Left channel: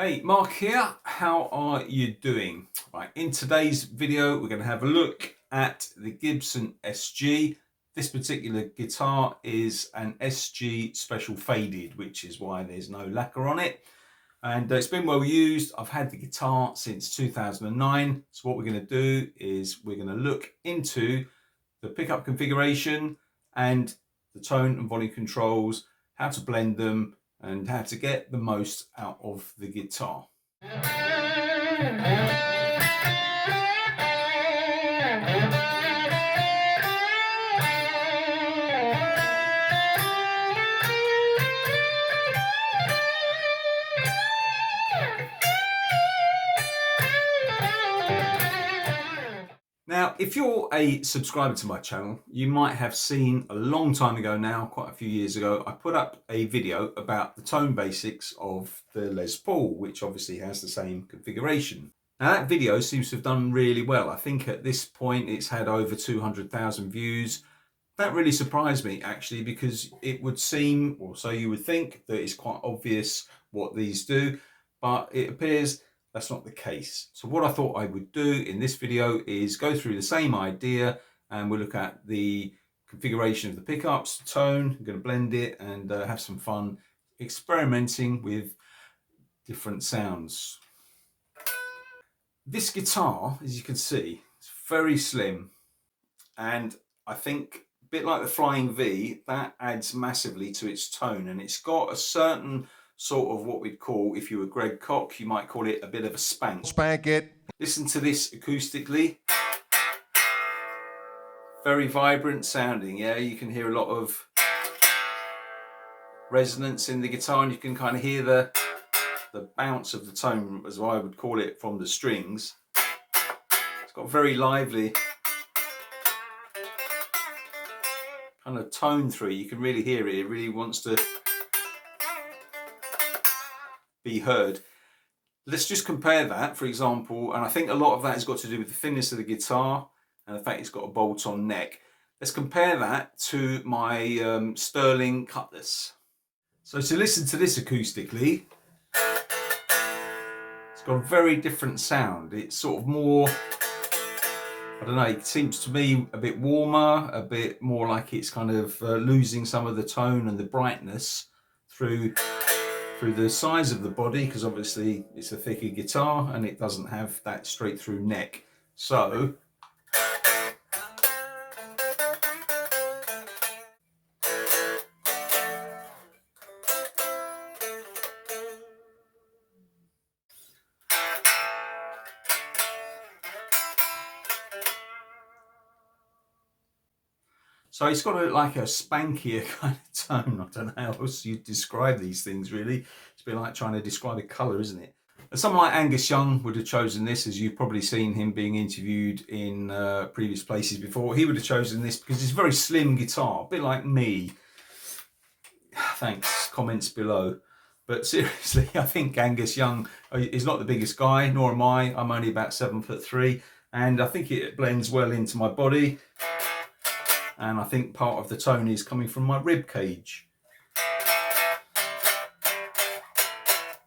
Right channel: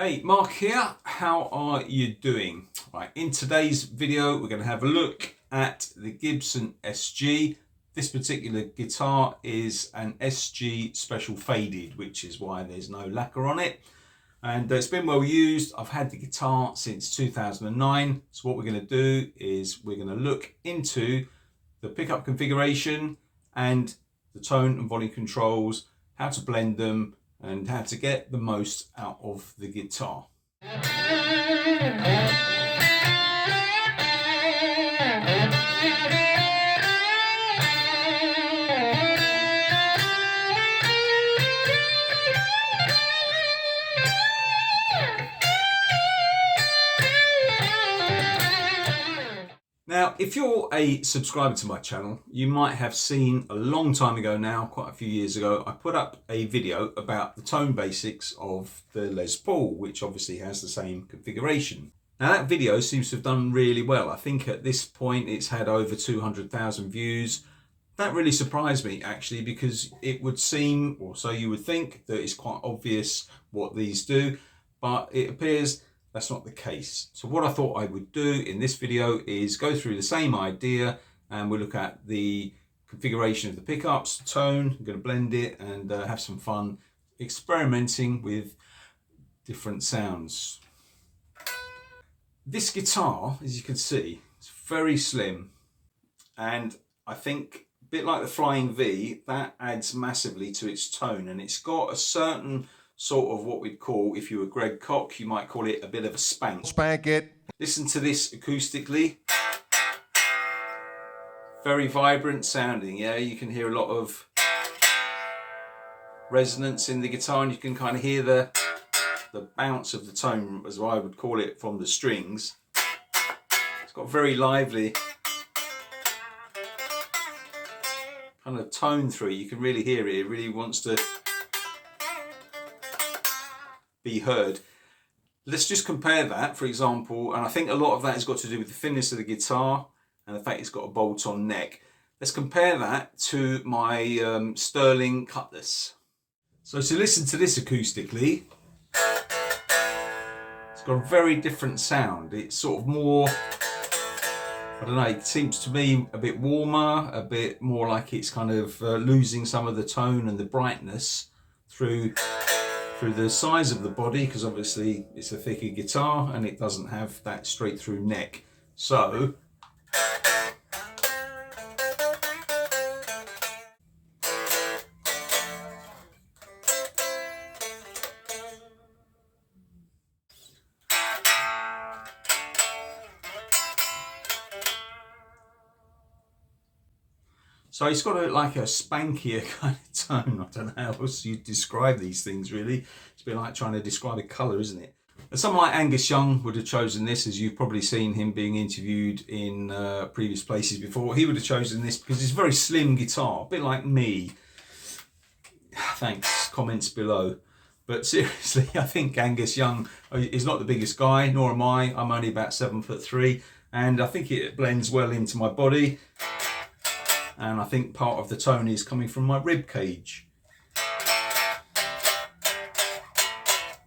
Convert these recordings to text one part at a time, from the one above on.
Hey, Mark here. How are you doing? Right, in today's video, we're going to have a look at the Gibson SG. This particular guitar is an SG Special Faded, which is why there's no lacquer on it. And it's been well used. I've had the guitar since 2009. So what we're going to do is we're going to look into the pickup configuration and the tone and volume controls, how to blend them, and how to get the most out of the guitar. Now, if you're a subscriber to my channel, you might have seen a long time ago now, quite a few years ago, I put up a video about the tone basics of the Les Paul, which obviously has the same configuration. Now, that video seems to have done really well. I think at this point it's had over 200,000 views. That really surprised me, actually, because it would seem, or so you would think, that it's quite obvious what these do, but it appears that's not the case. So what I thought I would do in this video is go through the same idea, and we'll look at the configuration of the pickups, the tone. I'm going to blend it and have some fun experimenting with different sounds. This guitar, as you can see, is very slim, and I think a bit like the Flying V, that adds massively to its tone, and it's got a certain sort of what we'd call, if you were Greg Koch, you might call it a bit of a spank. Spank it. Listen to this acoustically. Very vibrant sounding, yeah? You can hear a lot of resonance in the guitar, and you can kind of hear the bounce of the tone, as I would call it, from the strings. It's got very lively kind of tone through it. You can really hear it. It really wants to be heard. Let's just compare that, for example, and I think a lot of that has got to do with the thinness of the guitar and the fact it's got a bolt-on neck. Let's compare that to my Sterling Cutlass. So to listen to this acoustically, it's got a very different sound. It's sort of more, I don't know, it seems to me a bit warmer, a bit more like it's kind of losing some of the tone and the brightness through the size of the body, because obviously it's a thicker guitar and it doesn't have that straight through neck. So it's got like a spankier kind of tone. I don't know how else you'd describe these things, really. It's a bit like trying to describe a colour, isn't it? And someone like Angus Young would have chosen this, as you've probably seen him being interviewed in previous places before. He would have chosen this because it's a very slim guitar, a bit like me. Thanks, comments below. But seriously, I think Angus Young is not the biggest guy, nor am I. I'm only about 7'3", and I think it blends well into my body. And I think part of the tone is coming from my rib cage.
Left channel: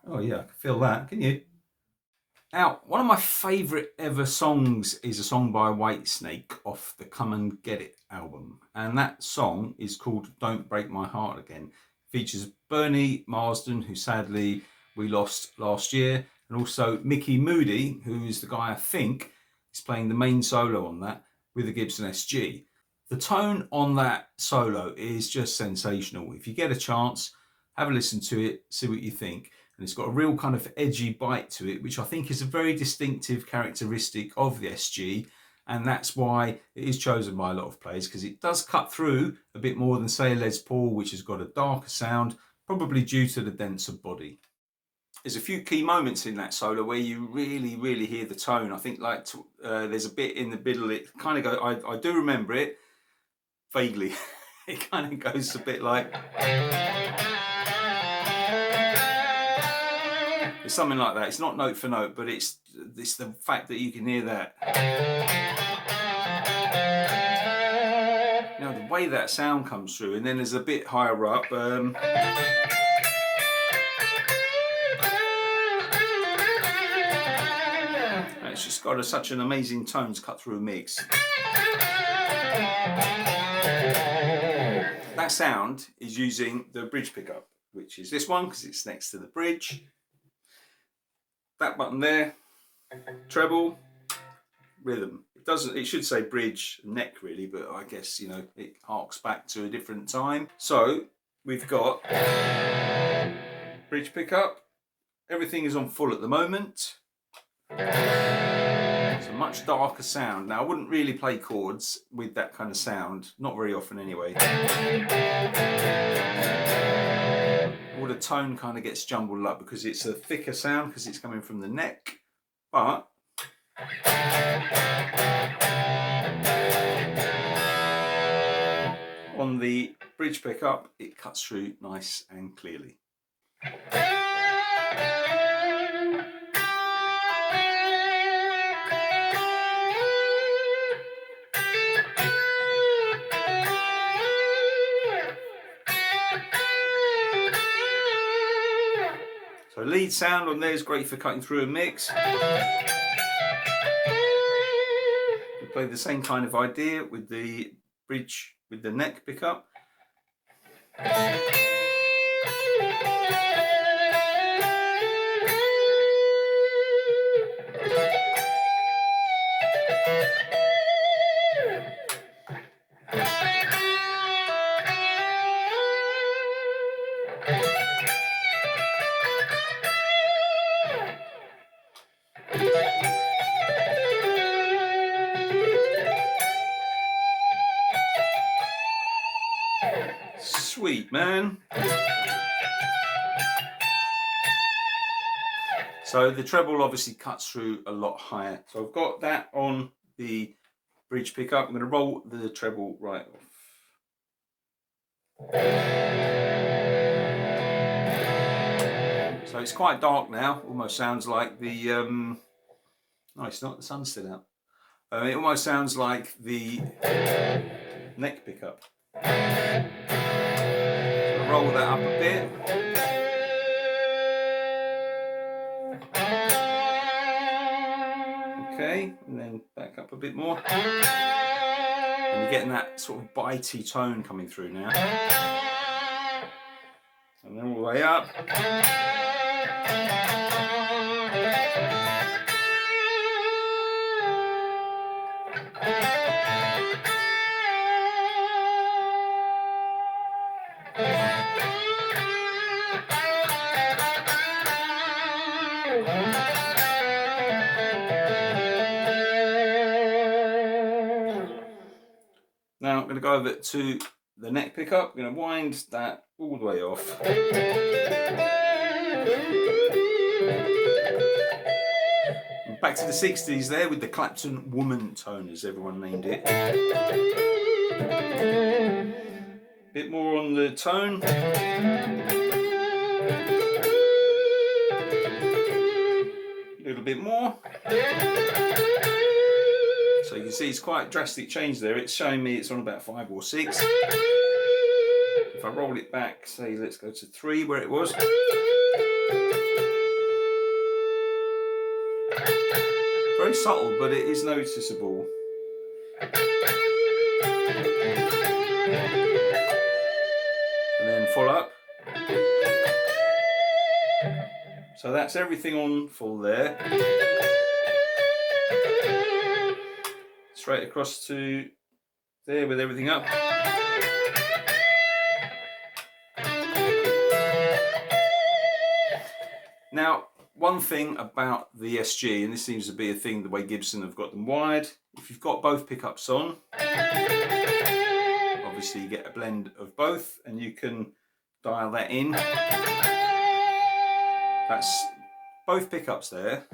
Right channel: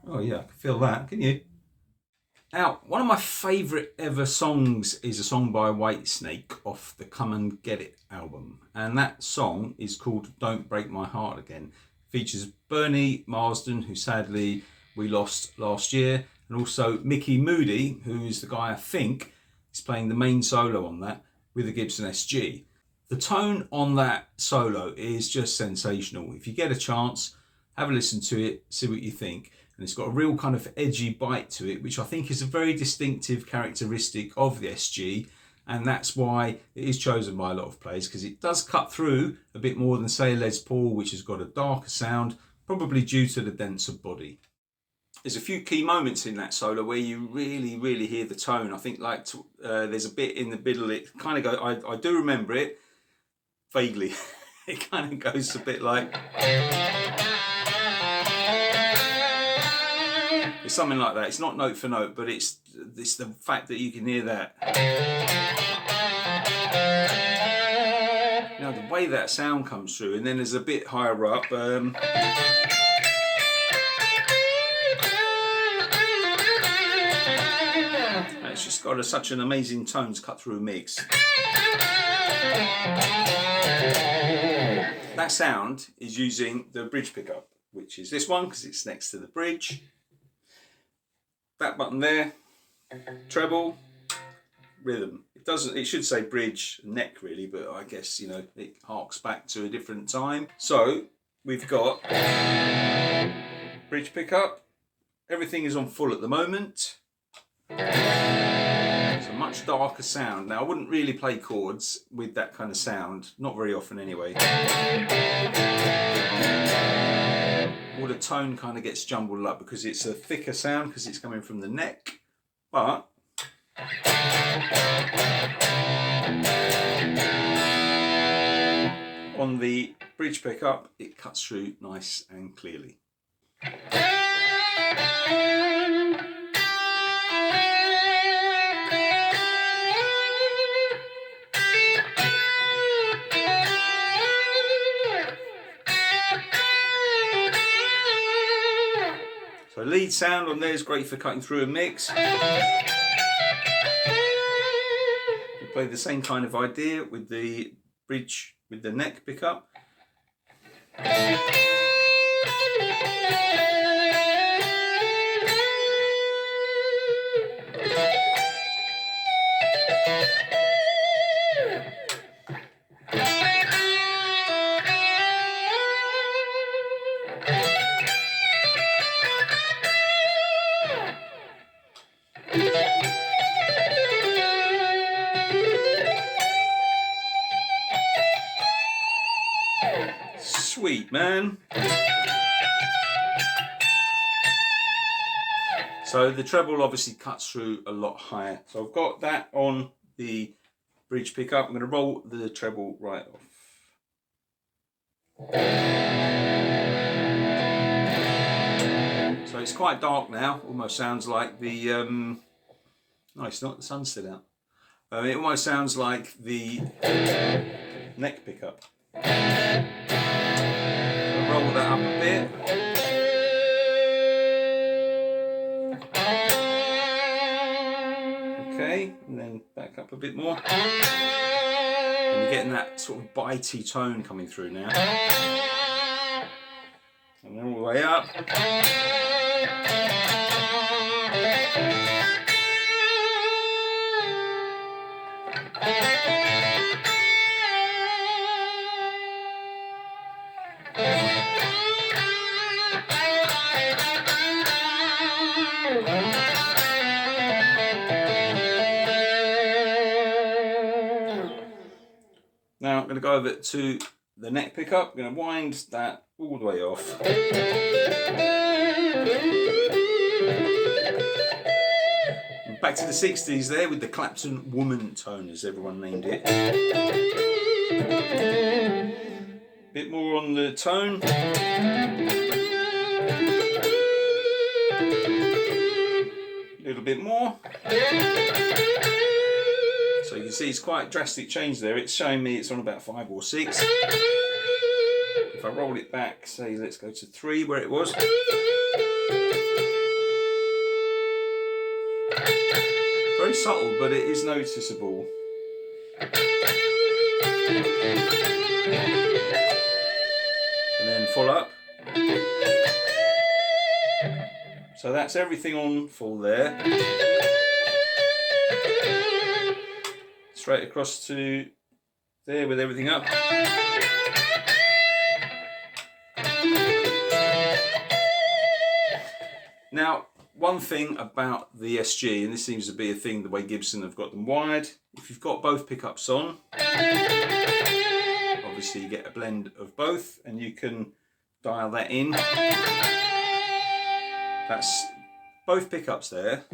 Oh yeah, I can feel that, can you? Now, one of my favourite ever songs is a song by Whitesnake off the Come and Get It album. And that song is called Don't Break My Heart Again. It features Bernie Marsden, who sadly we lost last year, and also Mickey Moody, who is the guy I think is playing the main solo on that with the Gibson SG. The tone on that solo is just sensational. If you get a chance, have a listen to it, see what you think. And it's got a real kind of edgy bite to it, which I think is a very distinctive characteristic of the SG. And that's why it is chosen by a lot of players, because it does cut through a bit more than, say, a Les Paul, which has got a darker sound, probably due to the denser body. There's a few key moments in that solo where you really, really hear the tone. I think like there's a bit in the middle, it kind of goes, I do remember it, vaguely. It kind of goes a bit like, it's something like that. It's not note for note, but it's the fact that you can hear that. You know, the way that sound comes through, and then there's a bit higher up. got such an amazing tones cut through mix. That sound is using the bridge pickup, which is this one because it's next to the bridge. That button there, treble, rhythm. It should say bridge, neck really, but I guess, you know, it harks back to a different time. So we've got bridge pickup. Everything is on full at the moment. It's a much darker sound. Now I wouldn't really play chords with that kind of sound, not very often anyway. All the tone kind of gets jumbled up because it's a thicker sound because it's coming from the neck, but on the bridge pickup it cuts through nice and clearly. So lead sound on there is great for cutting through a mix. We play the same kind of idea with the bridge with the neck pickup. Sweet, man. So the treble obviously cuts through a lot higher. So I've got that on the bridge pickup. I'm going to roll the treble right off. So it's quite dark now. Almost sounds like the... no, it's not. The sun's still out. It almost sounds like the neck pickup. Roll that up a bit. Okay, and then back up a bit more. And you're getting that sort of bitey tone coming through now. And then all the way up. Now I'm going to go over to the neck pickup. I'm going to wind that all the way off. Back to the 60s there with the Clapton Woman tone, as everyone named it. Bit more on the tone. A little bit more. So you can see it's quite a drastic change there. It's showing me it's on about 5 or 6. If I roll it back, say let's go to 3 where it was. Very subtle, but it is noticeable. And then full up. So that's everything on full there. Straight across to there with everything up. Now, one thing about the SG, and this seems to be a thing the way Gibson have got them wired, if you've got both pickups on, obviously you get a blend of both and you can dial that in. That's both pickups there.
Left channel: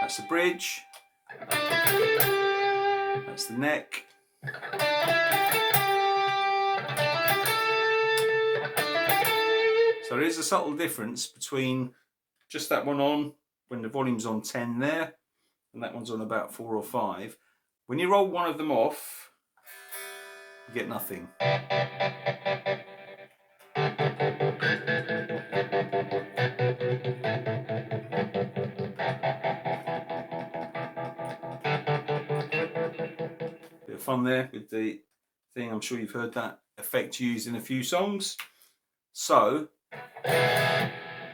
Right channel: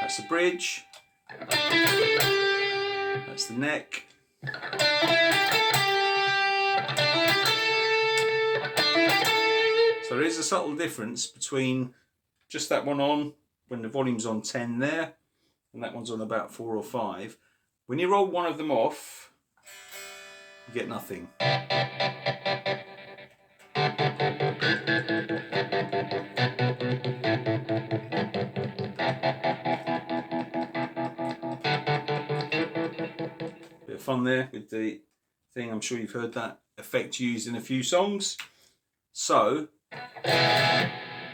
That's the bridge. That's the neck. So there is a subtle difference between just that one on when the volume's on 10 there and that one's on about 4 or 5. When you roll one of them off, you get nothing. of fun there with the thing. I'm sure you've heard that effect used in a few songs. So,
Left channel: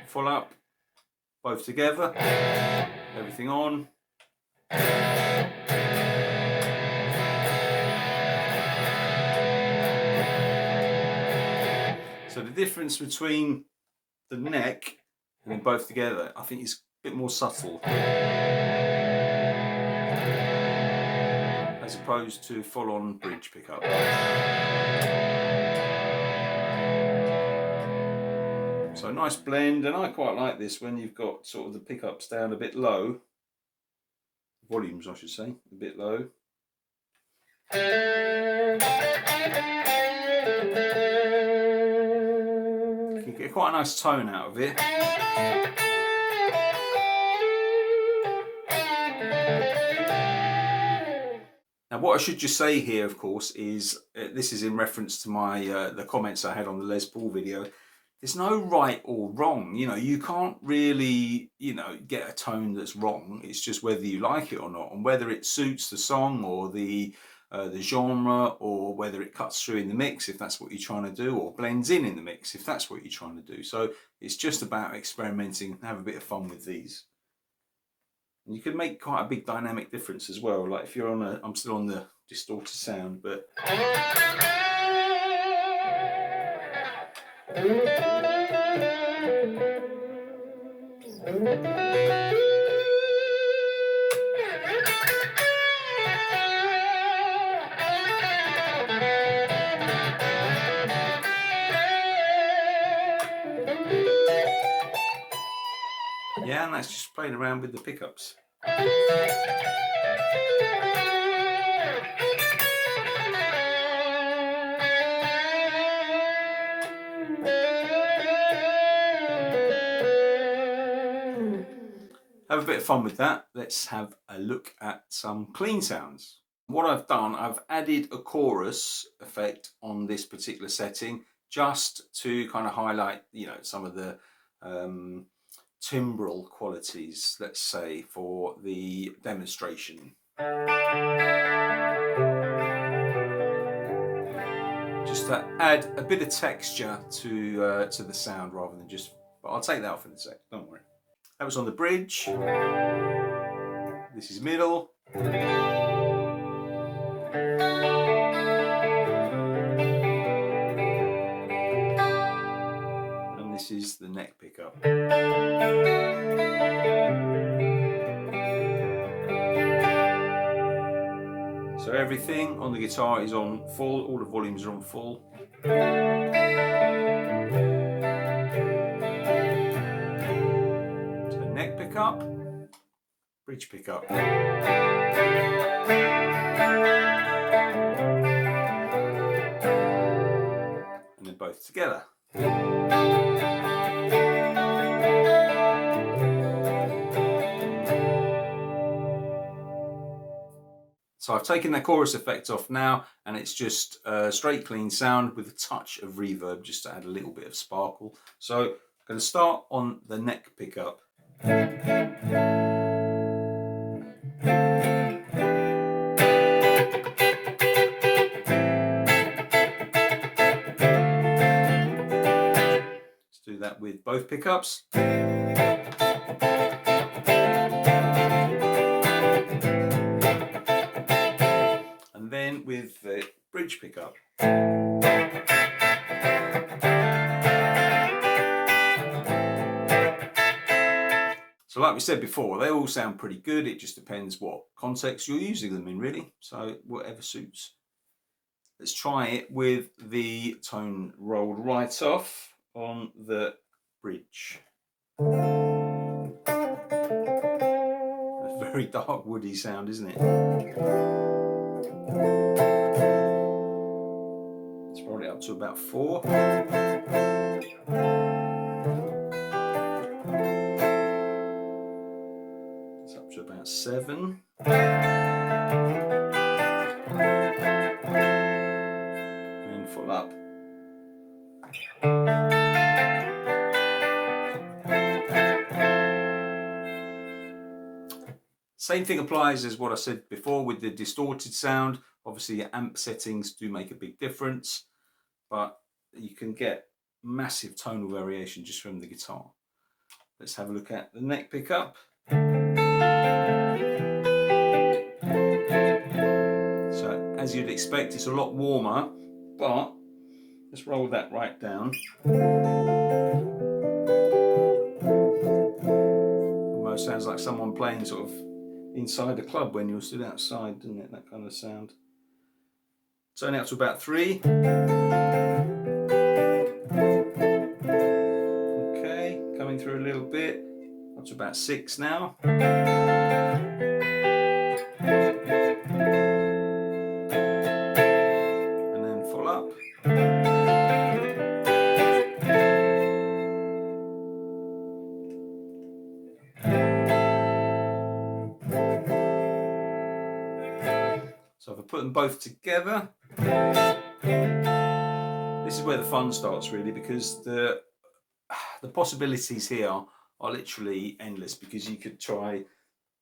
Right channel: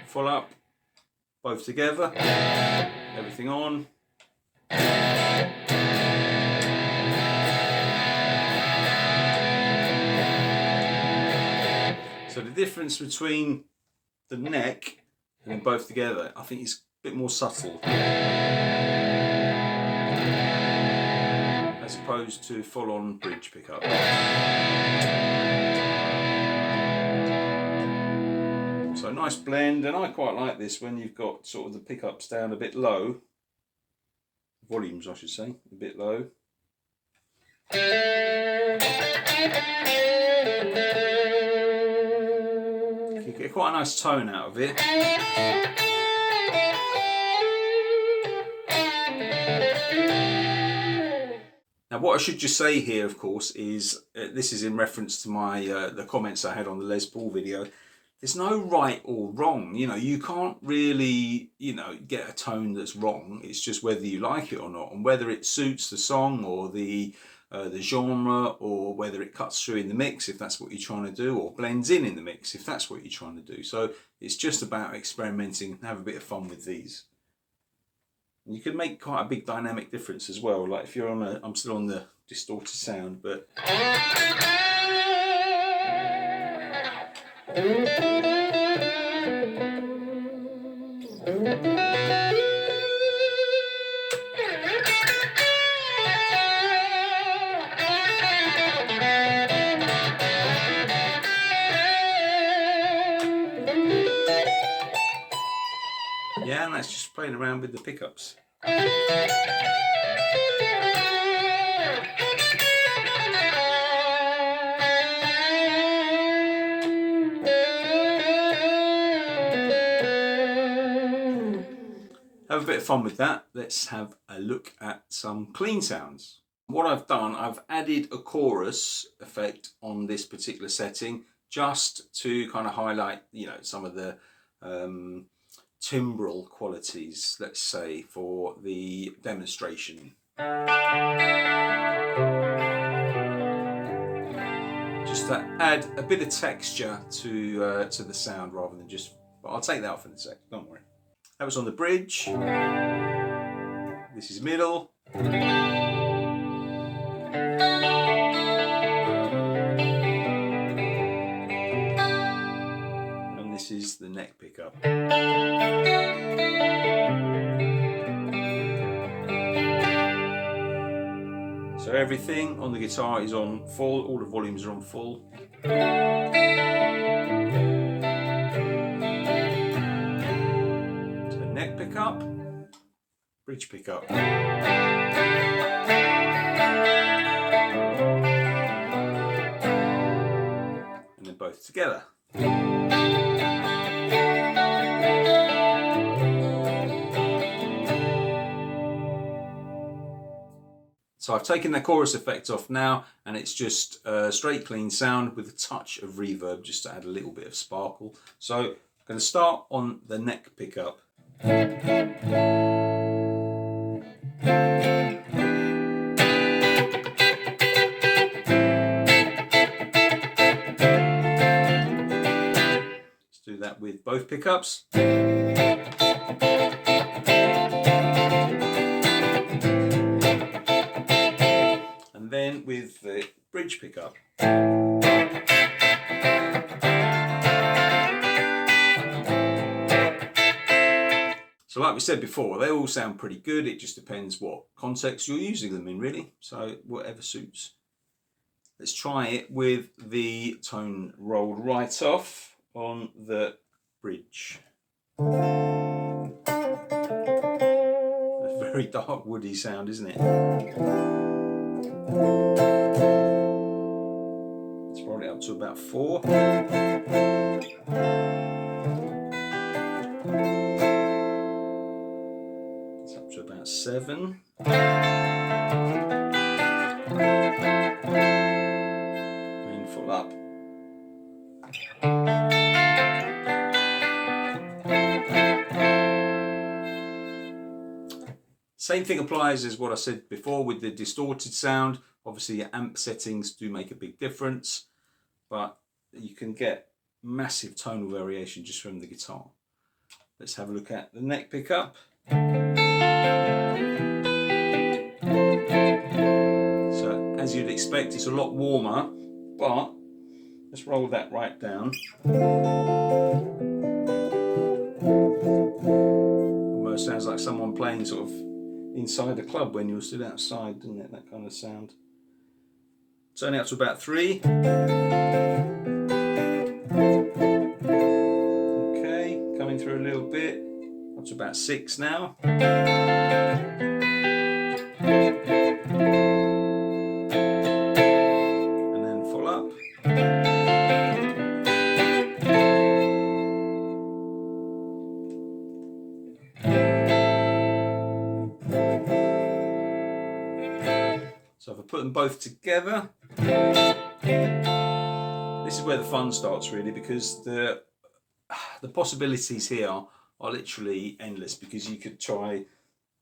full up, both together, everything on. So the difference between the neck and then both together, I think, is a bit more subtle, as opposed to full-on bridge pickup. So a nice blend, and I quite like this when you've got sort of the pickups down a bit low, volumes I should say, a bit low. You get quite a nice tone out of it. Now what I should just say here, of course, is this is in reference to my the comments I had on the Les Paul video. There's no right or wrong, you know, you can't really, you know, get a tone that's wrong. It's just whether you like it or not, and whether it suits the song or the genre, or whether it cuts through in the mix if that's what you're trying to do, or blends in the mix if that's what you're trying to do. So it's just about experimenting and have a bit of fun with these. And you can make quite a big dynamic difference as well. Like if you're on a, I'm still on the distorted sound, but yeah, and that's just playing around with the pickups. Have a bit of fun with that. Let's have a look at some clean sounds. What I've done, I've added a chorus effect on this particular setting just to kind of highlight, you know, some of the timbral qualities, let's say, for the demonstration. Just to add a bit of texture to the sound rather than just, but I'll take that off in a sec, don't worry. That was on the bridge. This is middle. And this is the neck pickup. So everything on the guitar is on full, all the volumes are on full. So neck pickup, bridge pickup. And they're both together. So I've taken the chorus effect off now, and it's just a straight clean sound with a touch of reverb just to add a little bit of sparkle. So I'm going to start on the neck pickup. Let's do that with both pickups. And then with the bridge pickup. So like we said before, they all sound pretty good. It just depends what context you're using them in, really. So whatever suits. Let's try it with the tone rolled right off on the bridge. A very dark woody sound, isn't it? Let's roll it up to about 4. It's up to about 7. Then full up. Same thing applies as what I said before with the distorted sound Obviously your amp settings do make a big difference, but you can get massive tonal variation just from the guitar. Let's have a look at the neck pickup. So as you'd expect, it's a lot warmer, but let's roll that right down. Almost sounds like someone playing sort of inside a club when you're stood outside, doesn't it? That kind of sound. Turn it up to about 3. Okay, coming through a little bit. Up to about 6 now. And then full up. So if I put them both together, this is where the fun starts really, because the possibilities here are literally endless, because you could try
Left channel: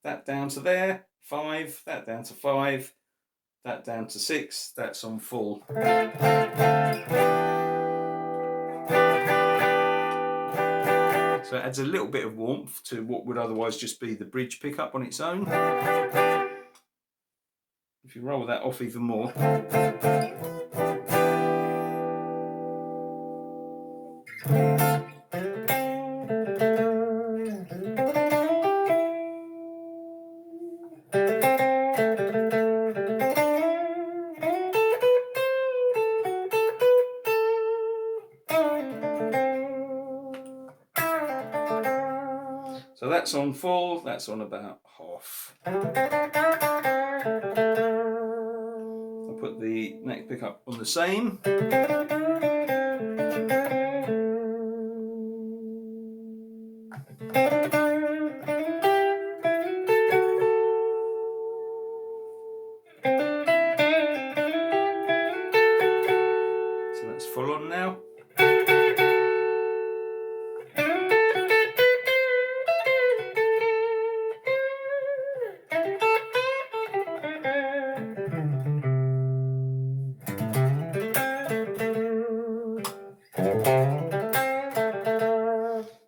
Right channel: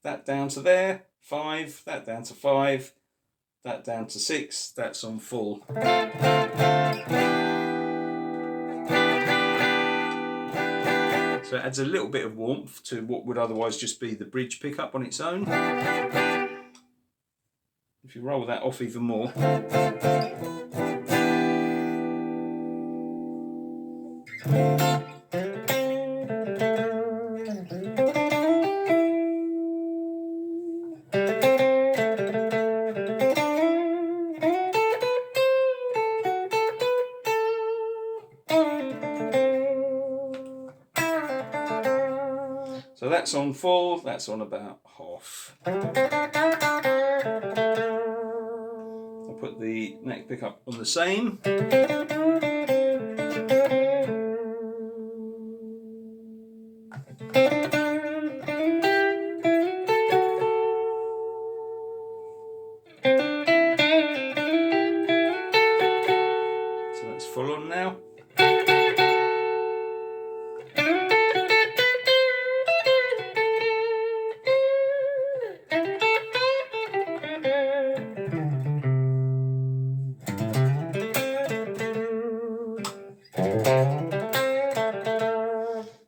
that down to there, 5, that down to 5, that down to 6, that's on full. So it adds a little bit of warmth to what would otherwise just be the bridge pickup on its own. If you roll that off even more, so that's on full, that's on about half. I'll put the neck pickup on the same. So that's full on now.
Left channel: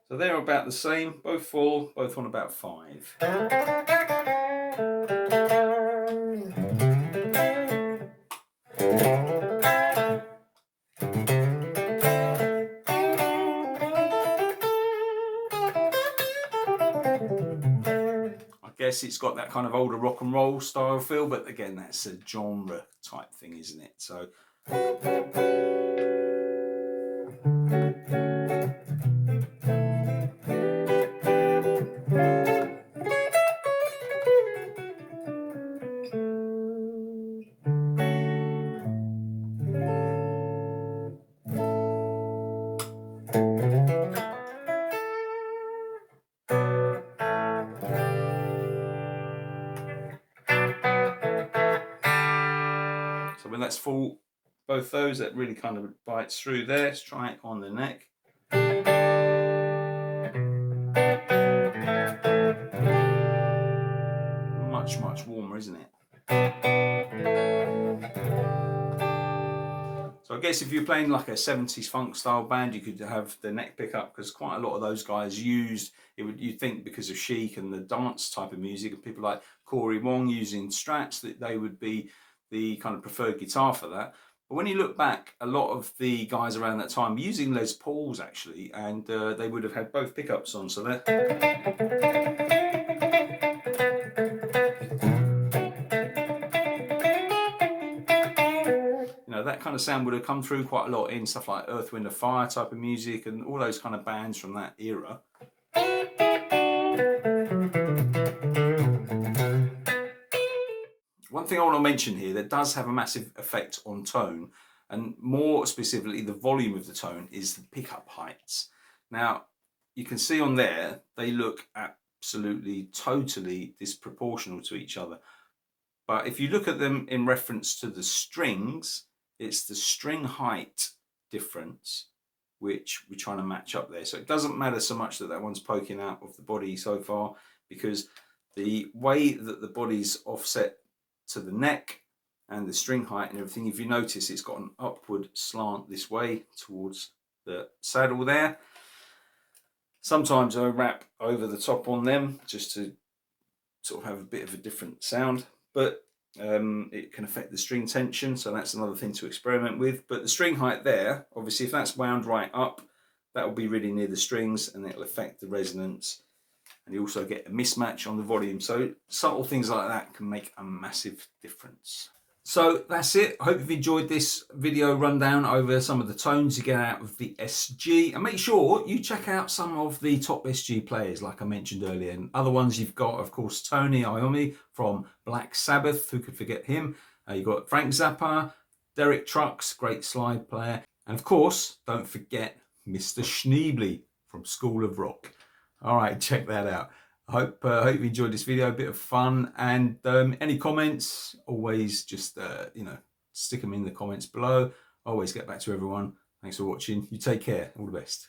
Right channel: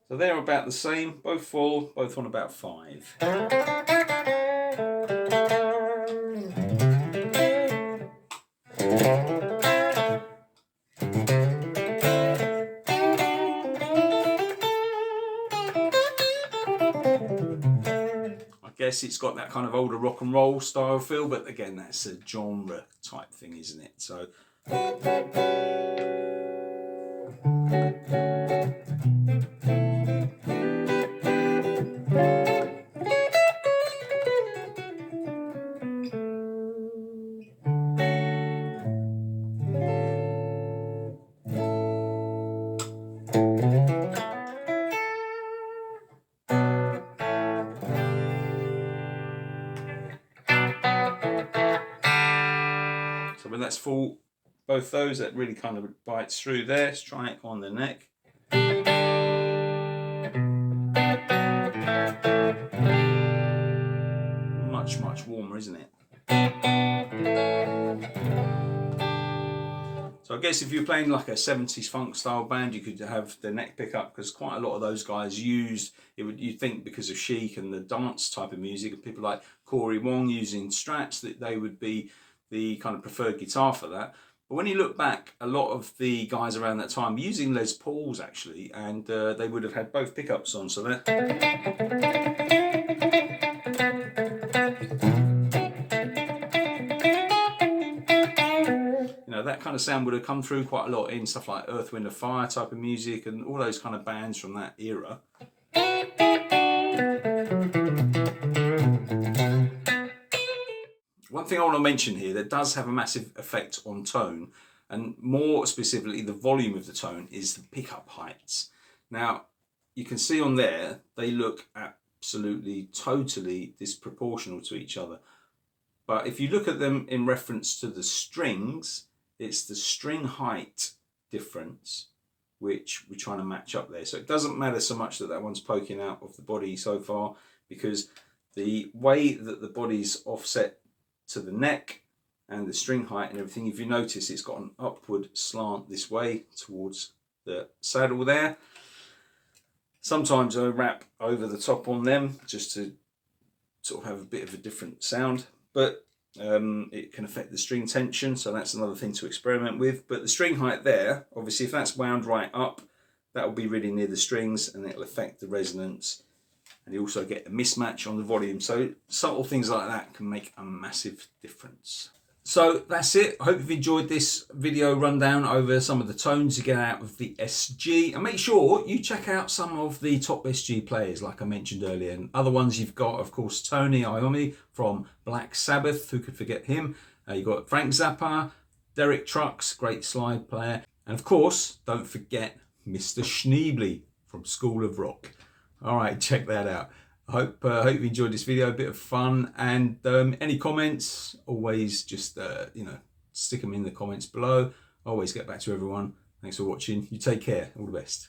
So they're about the same, both full, both on about 5. I guess it's got that kind of older rock and roll style feel, but again, that's a genre type thing, isn't it? So when that's full, both those, that really kind of bites through there. Let's try it on the neck. Much warmer, isn't it? So I guess if you're playing like a 70s funk style band, you could have the neck pickup, because quite a lot of those guys used it. You'd think because of chic and the dance type of music, and people like Corey Wong using Strats, that they would be the kind of preferred guitar for that. But when you look back, a lot of the guys around that time were using Les Pauls actually, and they would have had both pickups on. So that. That kind of sound would have come through quite a lot in stuff like Earth, Wind and Fire type of music and all those kind of bands from that era. One thing I want to mention here that does have a massive effect on tone, and more specifically the volume of the tone, is the pickup heights. Now, you can see on there, they look absolutely, totally disproportional to each other. But if you look at them in reference to the strings, it's the string height difference which we're trying to match up there. So it doesn't matter so much that that one's poking out of the body so far, because the way that the body's offset to the neck and the string height and everything. If you notice, it's got an upward slant this way towards the saddle there. Sometimes I wrap over the top on them just to sort of have a bit of a different sound, but it can affect the string tension, so that's another thing to experiment with. But the string height there, obviously if that's wound right up, that will be really near the strings and it'll affect the resonance, and you also get a mismatch on the volume. So subtle things like that can make a massive difference. So that's it. I hope you've enjoyed this video rundown over some of the tones you get out of the SG. And make sure you check out some of the top SG players, like I mentioned earlier. And other ones you've got, of course, Tony Iommi from Black Sabbath. Who could forget him? You've got Frank Zappa, Derek Trucks, great slide player. And of course, don't forget Mr. Schneebly from School of Rock. All right, check that out. I hope you enjoyed this video, a bit of fun, and any comments, always just, stick them in the comments below. I always get back to everyone. Thanks for watching. You take care. All the best.